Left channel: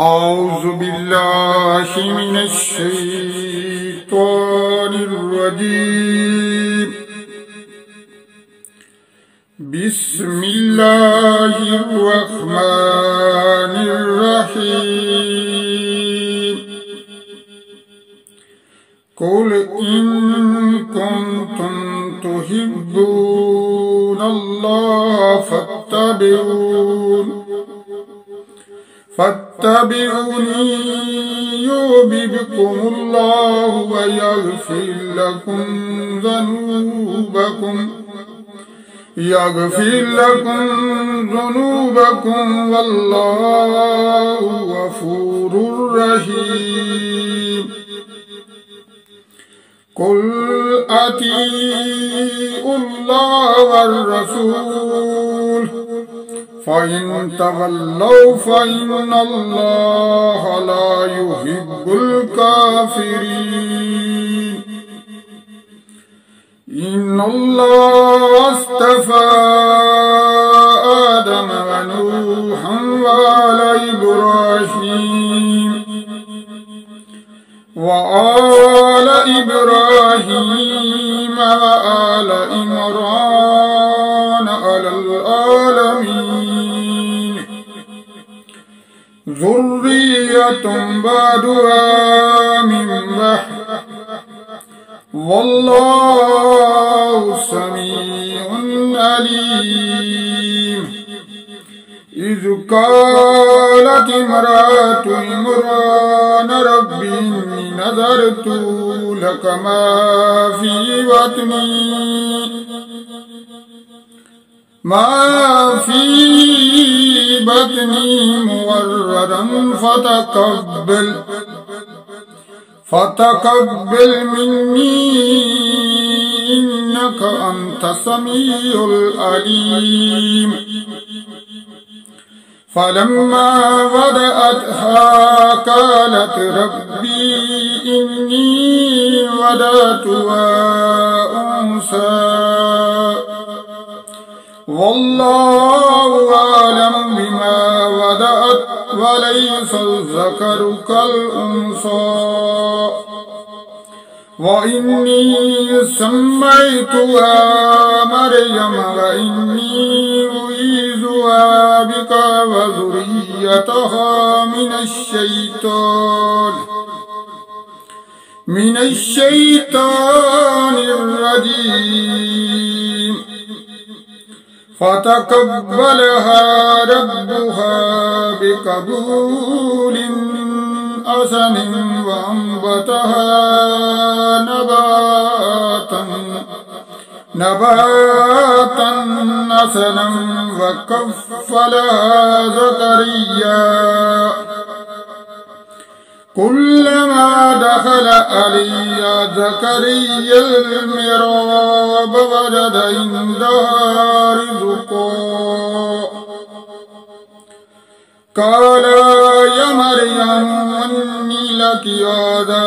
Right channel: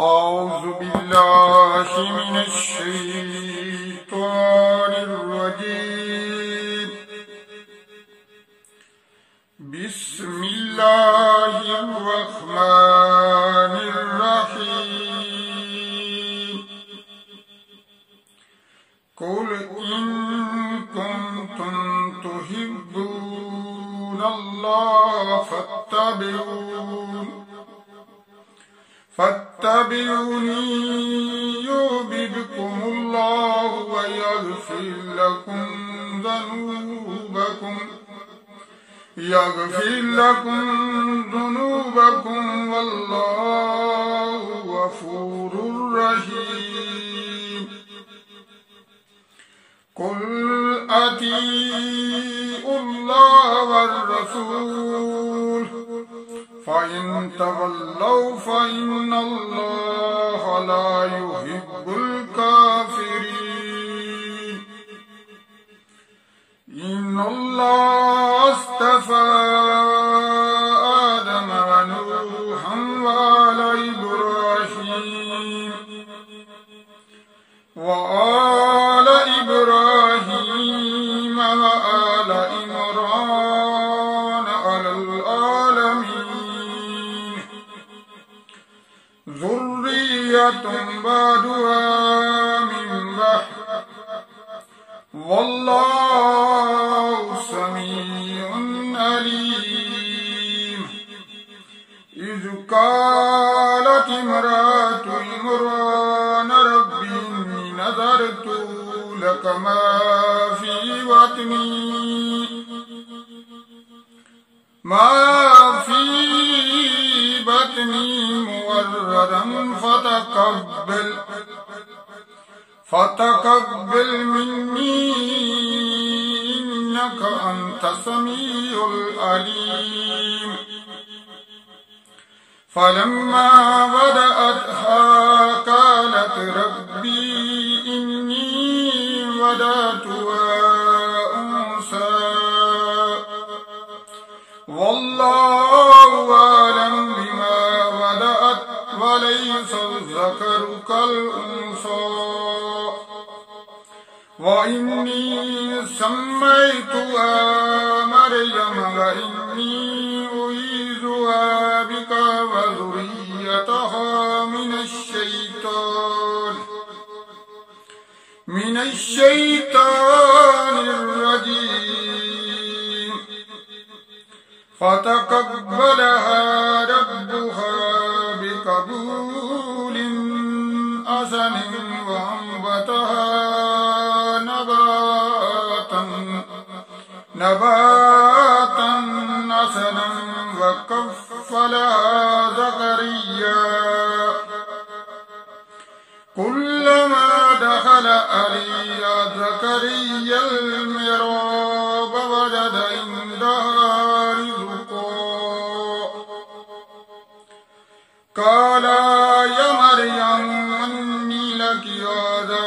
أعوذ بالله من الشيطان الرجيم. بسم الله الرحمن الرحيم. قل إن كنتم تحبون الله فاتبعوني يحببكم الله ويغفر لكم ذنوبكم والله غفور رحيم. قل أطيعوا الله والرسول فإن تولوا فإن الله لا يحب الكافرين. إن الله اصطفى آدم ونوحا وآل إبراهيم وآل عمران على العالمين ذرية بعضها من بعض والله سميع عليم. إذ قالت امرأة عمران رب إني نذرت لك ما في بطني محررا فتقبل مني إنك أنت السميع العليم. فلما وضعتها قالت ربي إني وضعتها أنثى والله أعلم بما وضعت وليس الذكر كالأنثى وإني سميتها مريم وإني أعيذها بك وذريتها من الشيطان الرجيم. فتقبلها ربها بقبول حسن وأنبتها نباتا حسنا وكفلها زكريا كلما دخل عليها زكريا المحراب وجد عندها رزقا قال يا مريم أنى لك هذا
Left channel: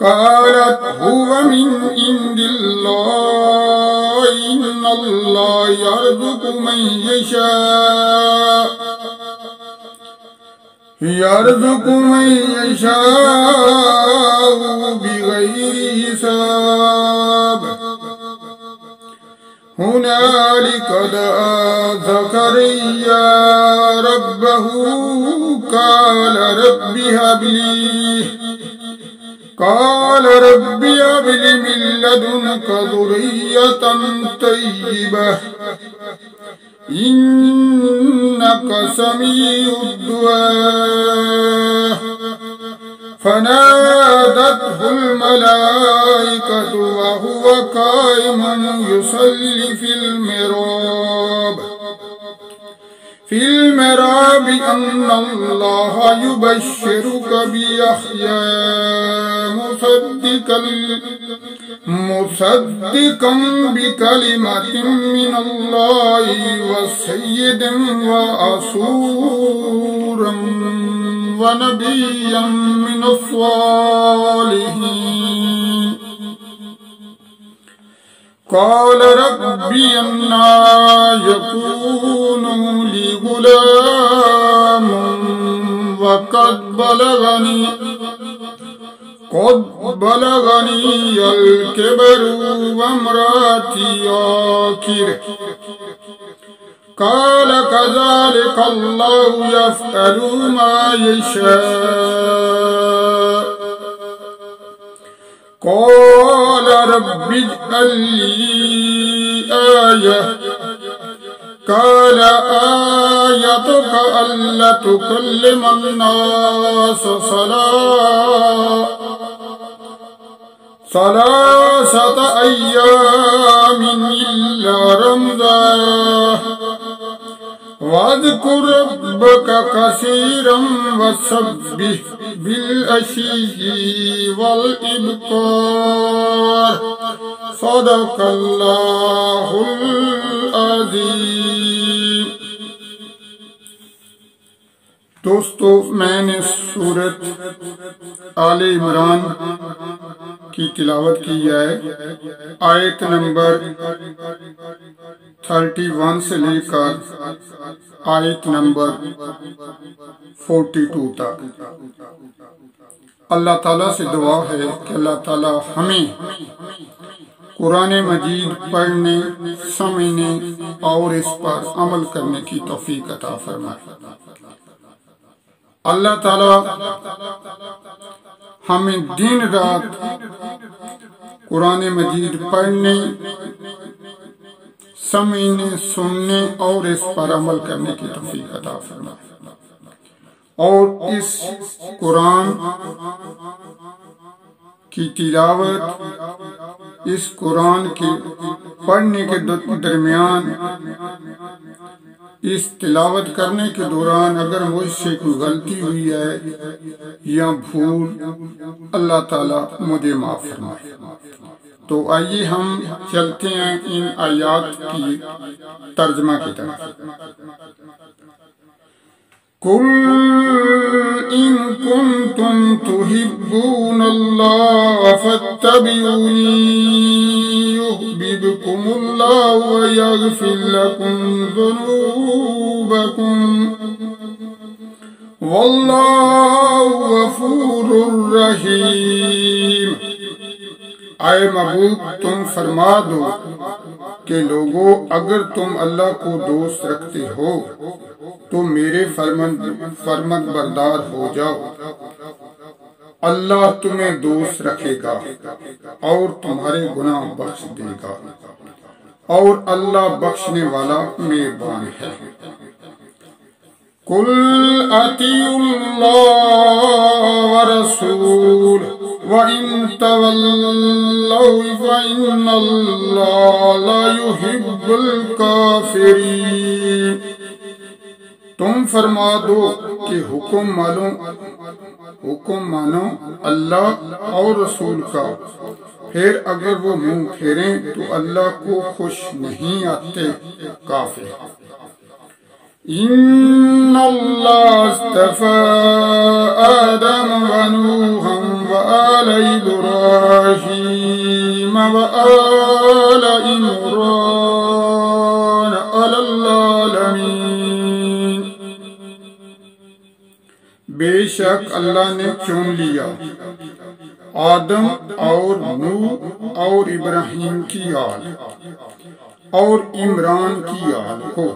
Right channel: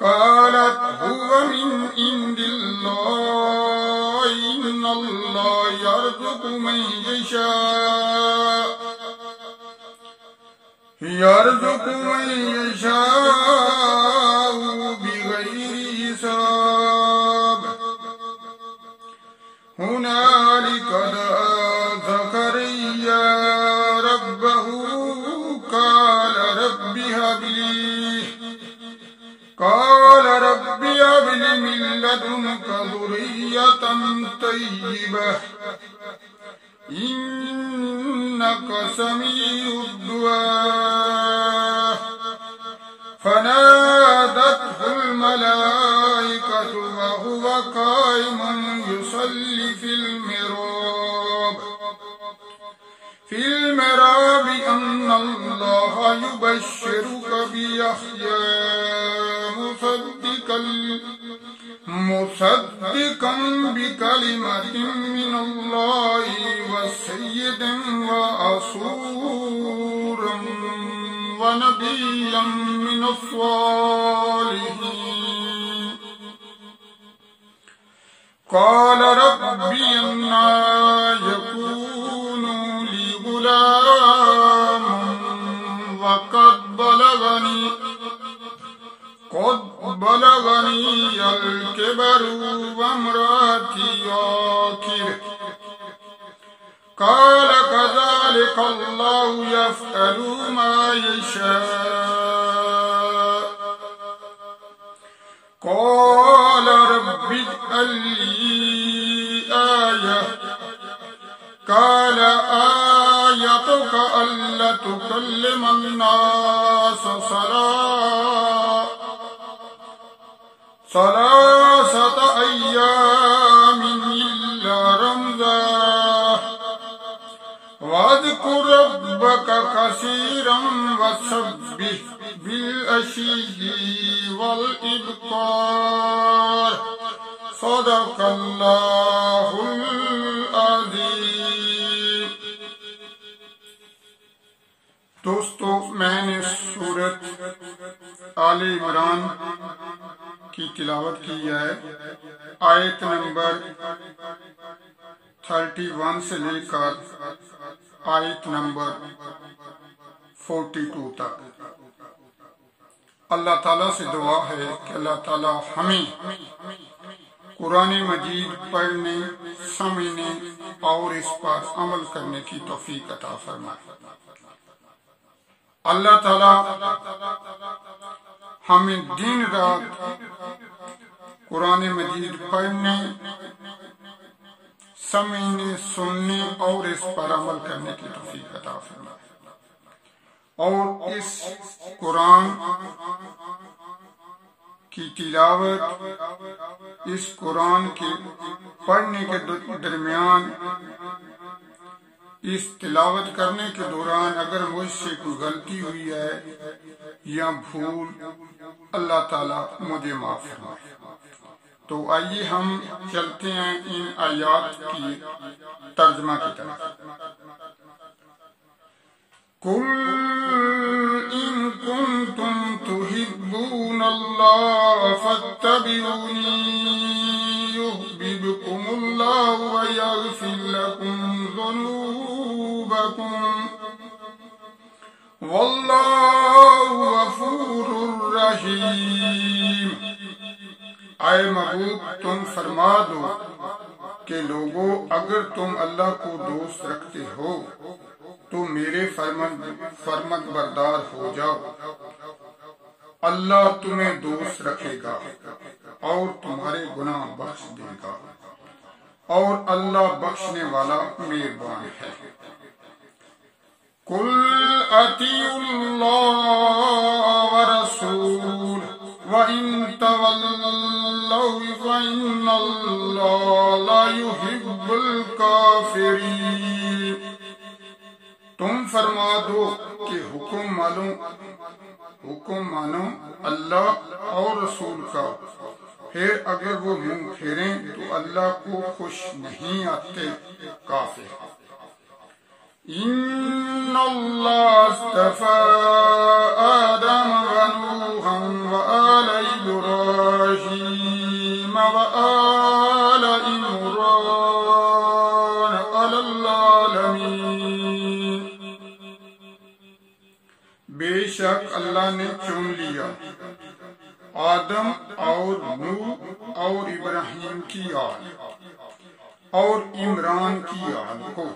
قالت هو من عند الله إن الله يرزق من يشاء بغير حساب. هنالك دعا زكريا ربه قال رب هب لي من لدنك ذرية طيبة إنك سميع الدعاء. فنادته الملائكة وهو قائم يصلي في المحراب أن الله يبشرك بيحيى مصدقا بكلمة من الله وسيدا وحصورا ونبيا من الصالحين. قال ربي أنى يكون لي غلام قد بلغني الكبر وامرأتي عاقر قال كذلك الله يفعل ما يشاء قال رب اجعل لي آية قال آيتك ألا تكلم الناس ثلاثة أيام إلا رمزا واذكر ربك كثيرا وسبح بالعشي والإبكار صدق الله العظيم. دوستو، میں نے سورت آل عمران کی تلاوت کی ہے، آیت نمبر 31 سے لے کر آیت نمبر 42 تک. اللہ تعالیٰ سے دعا ہے کہ اللہ تعالیٰ ہمیں قرآن مجید پڑھنے، سمجھنے اور اس پر عمل کرنے کی توفیق عطا فرمائے. اللہ تعالیٰ ہمیں دن رات قرآن مجید پڑھنے، سمجھنے، سننے اور اس پر عمل کرنے کی توفیق عطا فرمائے، اور اس قرآن کی تلاوت، اس قرآن کے پڑھنے کے درمیان، اس تلاوت کرنے کے دوران اگر مجھ سے کوئی غلطی ہوئی ہے یا بھول، اللہ تعالیٰ مجھے معاف فرمائے. تو آئیے ہم چلتے ہیں ان آیات کی ترجمہ کی طرف. قُلْ إِن كُنتُمْ تُحِبُّونَ اللَّهَ فَاتَّبِعُونِي يُحْبِبْكُمُ اللَّهُ وَيَغْفِرْ لَكُمْ ذُنُوبَكُمْ وَاللَّهُ غَفُورٌ رَحِيمٌ. اے محبوب، تم فرما دو کہ لوگو، اگر تم اللہ کو دوست رکھتے ہو تو میرے فرمان بردار ہو جاؤ. اللہ تمہیں دوست رکھے گا اور تمہارے گناہ بخش دے گا، اور اللہ بخشنے والا مہربان ہے. قُلْ أَطِيعُوا اللَّهَ وَرَسُولَهُ وَإِن تَوَلَّوْا فَإِنَّ اللَّهَ لَا يُحِبُّ الْكَافِرِينَ. تم فرما دو کہ حکم مانو اللہ اور رسول کا، پھر اگر وہ منہ پھیریں تو اللہ کو خوش نہیں آتے کافر. ان اللہ اصطفى آدم ونوحا وآل ابراہیم وآل عمران علی العالمین. بے شک اللہ نے چن لیا آدم اور نوح اور ابراہیم کی آل اور عمران کی آل کو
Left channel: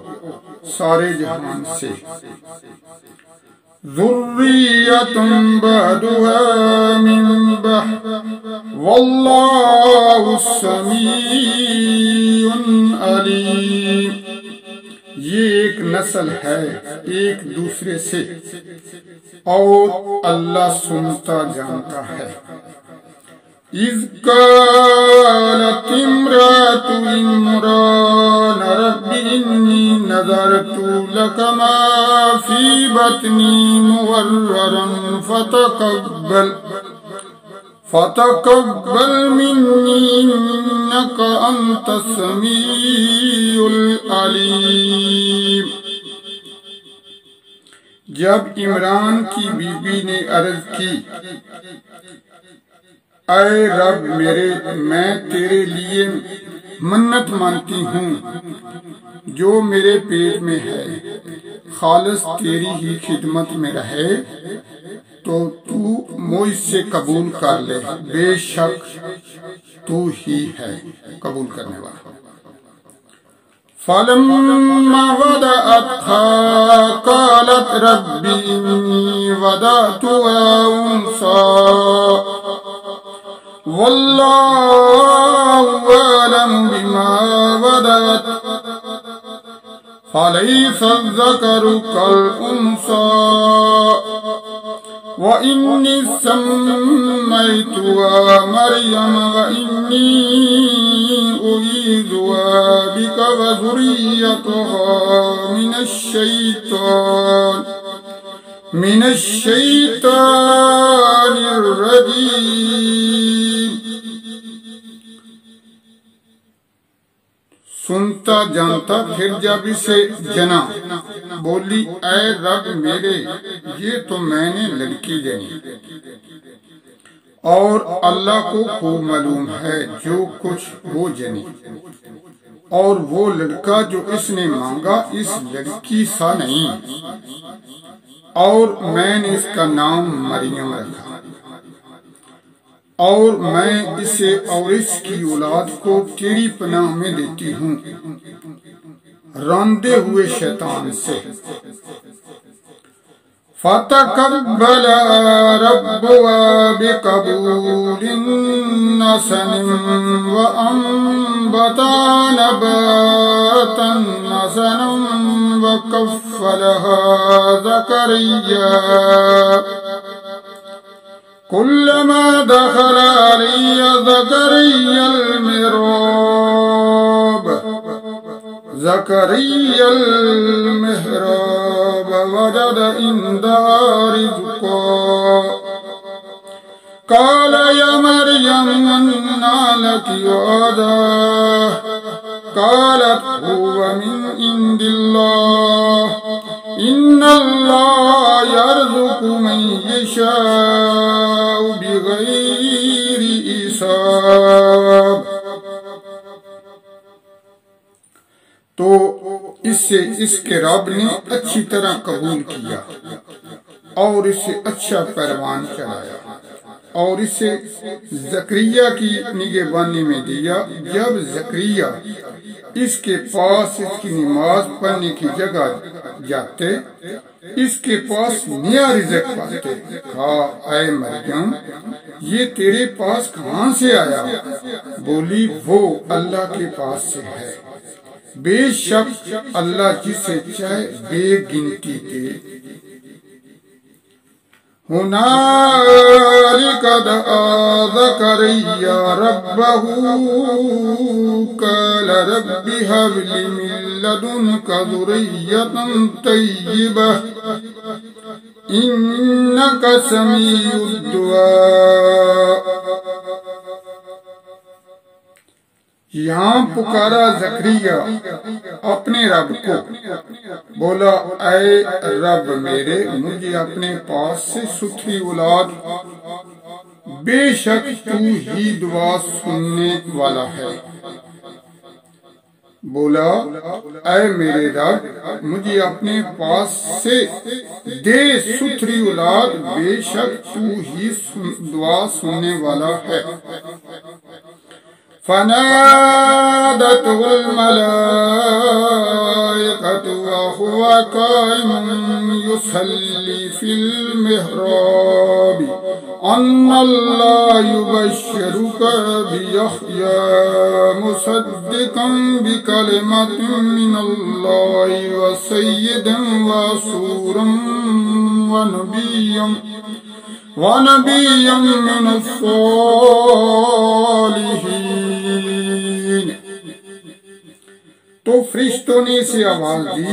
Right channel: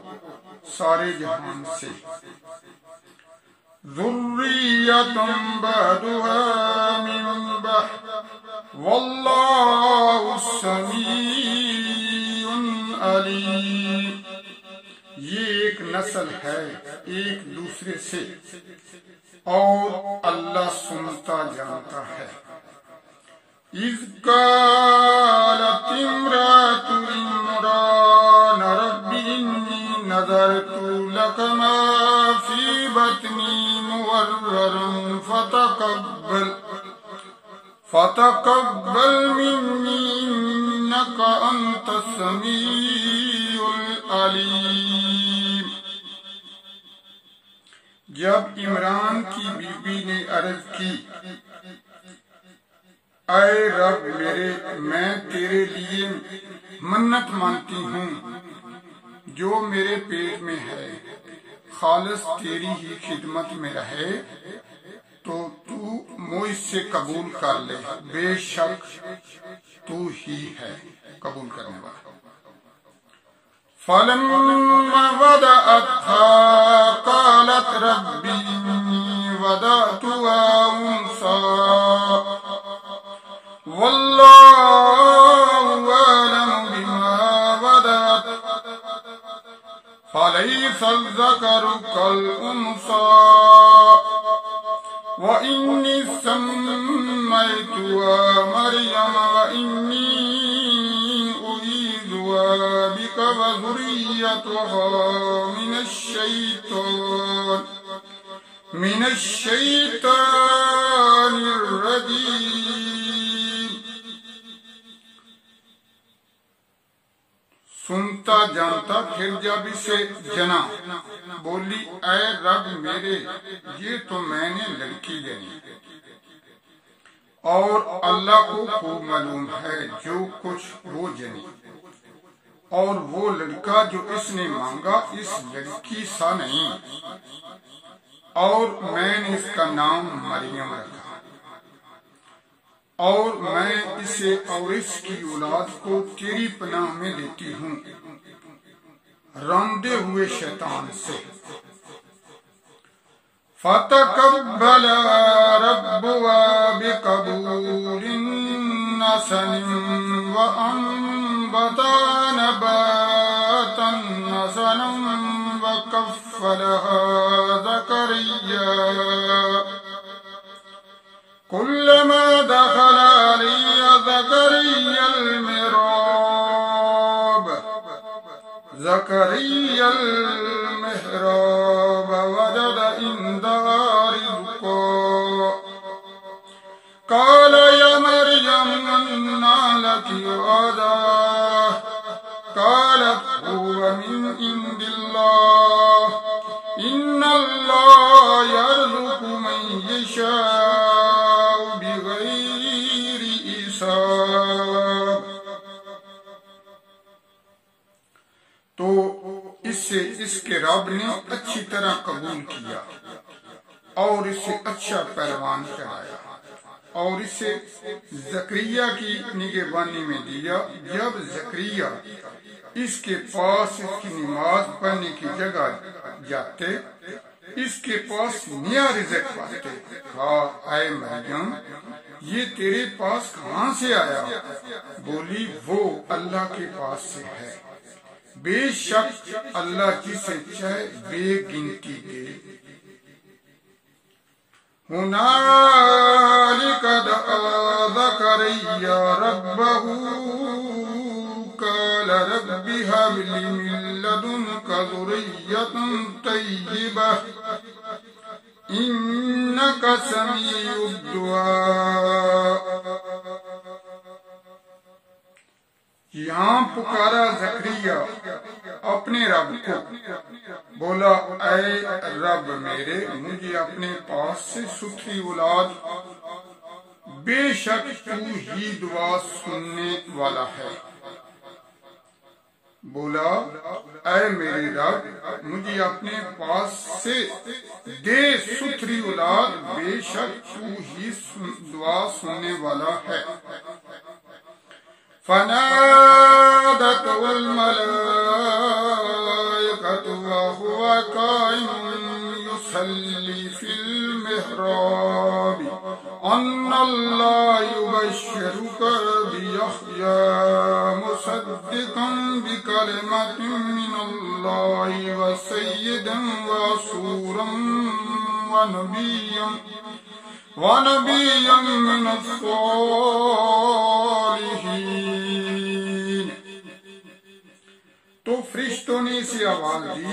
سارے جہان سے. ذریۃ بعضها من بعض واللہ سمیع علیم. یہ ایک نسل ہے ایک دوسرے سے، اور اللہ سنتا جانتا ہے. اذ قالت امرأة عمران رب انی نذرت لك ما في بطني محررا فتقبل مني إنك أنت السميع العليم. جب عمران کی بیوی نے عرض کی، اے رب میرے، میں تیرے لیے منت مانتی ہوں جو میرے پیٹ میں ہے، خالص تیری ہی خدمت میں رہے تو تو مجھ سے قبول کر لے، بے شک تو ہی ہے قبول کرنے والا۔ فَلَمَّا وَضَعَتْهَا قَالَتْ رَبِّ إِنِّي وَضَعْتُهَا أُنثَىٰ وَاللَّهُ أَعْلَمُ بِمَا وَضَعَتْ فَلَيْسَ الذَّكَرُ كَالْأُنثَىٰ وَإِنِّي سَمَّيْتُهَا مَرْيَمَ وَإِنِّي أُعِيذُهَا بِكَ وَذُرِّيَّتَهَا مِنَ الشَّيْطَانِ الرَّجِيمِ۔ سنتا جانتا پھر جب اسے جنا، بولی اے رب میرے، یہ تو میں نے لڑکی جنی، اور اللہ کو خوب معلوم ہے جو کچھ وہ جنی، اور وہ لڑکا جو اس نے مانگا اس لڑکی سا نہیں، اور میں نے اس کا نام مریم رکھا، اور میں اسے اور اس کی اولاد کو تیری پناہ میں دیتی ہوں راندے ہوئے شیطان سے۔ فَتَقَبَّلَهَا رَبُّهَا بِقَبُولٍ حَسَنٍ وَأَنبَتَهَا نَبَاتًا حَسَنًا وَكَفَّلَهَا زَكَرِيَّا كُلَّمَا دَخَلَ عَلَيْهَ زَكَرِيَّا الْمِحْرَابَ وَجَدَ عِندَهَا رِزْقًا قَالَ يَا مَرْيَمُ أَنَّىٰ لَكِ هَٰذَا قَالَتْ هُوَ مِنْ عِندِ اللَّهِ إِنَّ اللَّهَ يَرْزُقُ مَن يَشَاءُ بِغَيْرِ حساب۔ تو اس سے اس کے رب نے اچھی طرح قبول کیا اور اسے اچھا پیروان چلایا اور اسے زکریا کی نگہبانی میں دیا۔ جب زکریا اس کے پاس اس کی نماز پڑھنے کی جگہ جاتے، اس کے پاس نیا رزق پاتے، کہا اے مریم یہ تیرے پاس کہاں سے آیا؟ بولی وہ اللہ کے پاس سے ہے، بے شک اللہ جسے چاہے بے گنتی دے۔ هُنَالِكَ دَعَا زَكَرِيَّا رَبَّهُ قَالَ رَبِّ هَبْ لِي مِن لَّدُنكَ ذُرِّيَّةً طَيِّبَةً إِنَّكَ سَمِيعُ الدُّعَاء۔ یہاں پکارا زکریا اپنے رب کو، بولا اے رب میرے، مجھے اپنے پاس سے ستھری اولاد، بے شک تو ہی دعا سننے والا ہے۔ بولا اے میرے رب مجھے اپنے پاس سے دے ستھری اولاد، بے شک تو ہی دعا سننے والا ہے۔ فَنَادَتْهُ الْمَلَائِكَةُ وَهُوَ قَائِمٌ يُصَلِّي فِي الْمِحْرَابِ أَنَّ اللَّهَ يُبَشِّرُكَ بِيَحْيَىٰ مُصَدِّقًا بِكَلِمَةٍ مِّنَ اللَّهِ وَسَيِّدًا وَحَصُورًا وَنَبِيًّا مِّنَ الصَّالِحِينَ۔ تو فرشتوں نے اسے آواز دی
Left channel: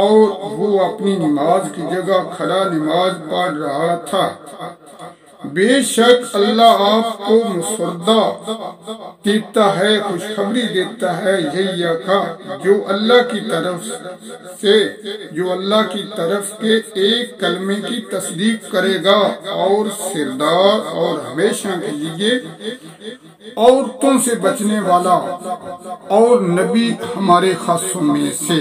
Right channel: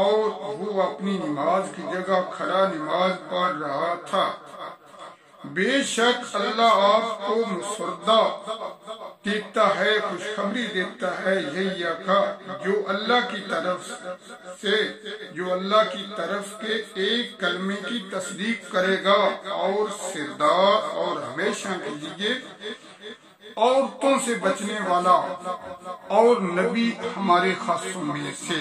اور وہ اپنی نماز کی جگہ کھڑا نماز پڑھ رہا تھا۔ بے شک اللہ آپ کو مسودہ دیتا ہے، خوشخبری دیتا ہے، یہی آقا جو اللہ کی طرف کے ایک کلمے کی تصدیق کرے گا اور سردار اور ہمیشہ کے لیے عورتوں سے بچنے والا اور نبی ہمارے خاصوں میں سے۔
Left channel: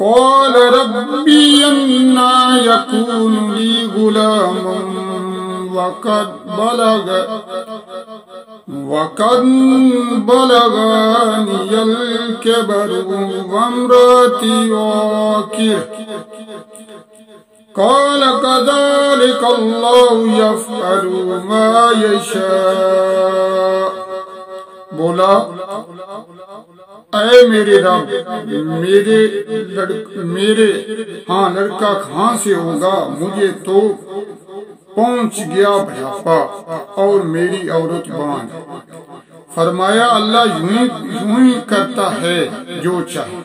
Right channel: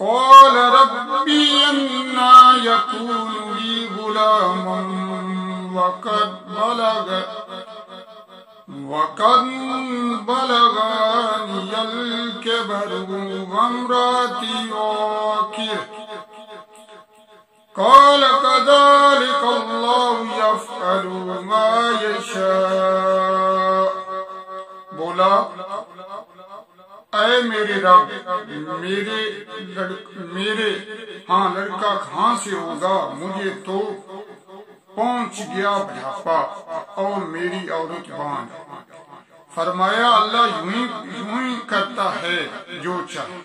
قال ربی انا یکون لی غلام وقد بلغانی الکبر وامراتی عاقر قال كذلك الله يفعل ما يشاء. بولا اے میرے رب، لڑکا کہاں سے ہوگا؟ مجھے تو پہنچ گیا بڑھاپا اور میری عورت باندھ. فرمایا اللہ یوں ہی کرتا ہے جو چاہے.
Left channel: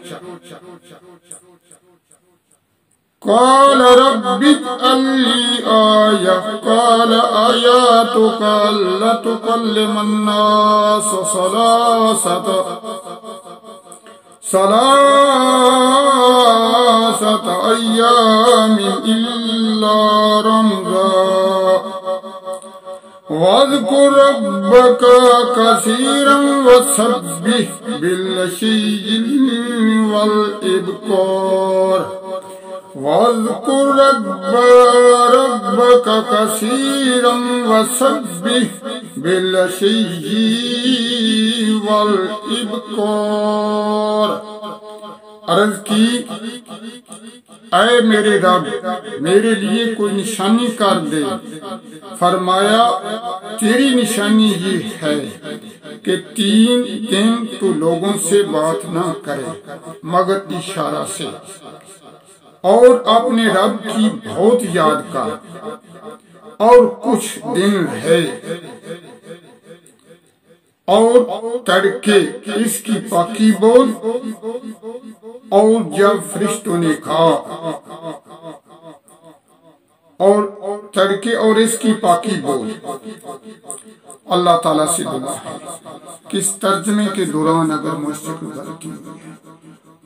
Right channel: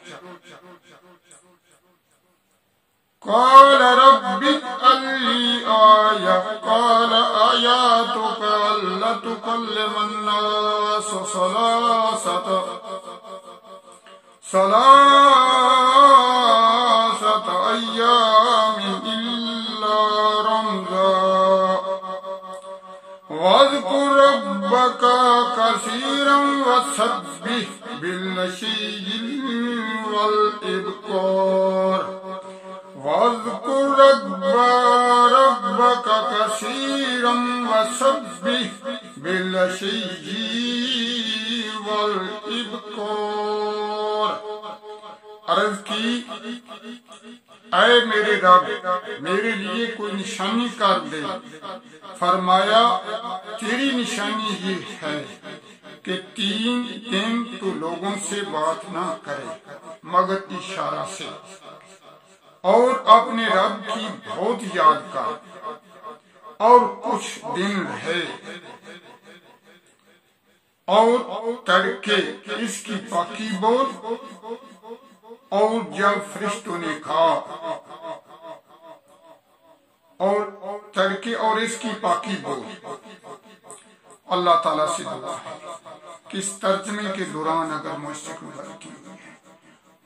قال رب اجعل لي آية قال آياتك ألا تكلم الناس ثلاثة أيام إلا رمزا واذكر ربك كثيرا وسبح بالعشي والإبكار واذكر ربك كثيرا وسبح بالعشي والإبكار. عرض کی اے میرے رب میرے لیے کوئی نشانی کر دے. فرمایا تیری نشانی یہ ہے کہ 3 دن تو لوگوں سے بات نہ کرے مگر اشارہ سے، اور اپنے رب کی بہت یاد کر، اور کچھ دن ہے اور تڑکے اس کی پاکی بول، اور جب فرشتوں نے کہا اور تڑکے اور اس کی پاکی بول. اللہ تعالیٰ سے دعا ہے کہ اس ترجمے کے دوران اگر مجھ سے کوئی غلطی ہوئی ہے،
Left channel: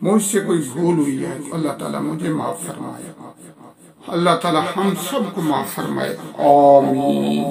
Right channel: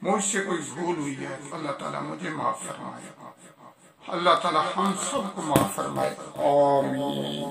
مجھ سے کوئی بھول ہوئی ہے، تو اللہ تعالیٰ مجھے معاف فرمائے. اللہ تعالیٰ ہم سب کو معاف فرمائے. آمین.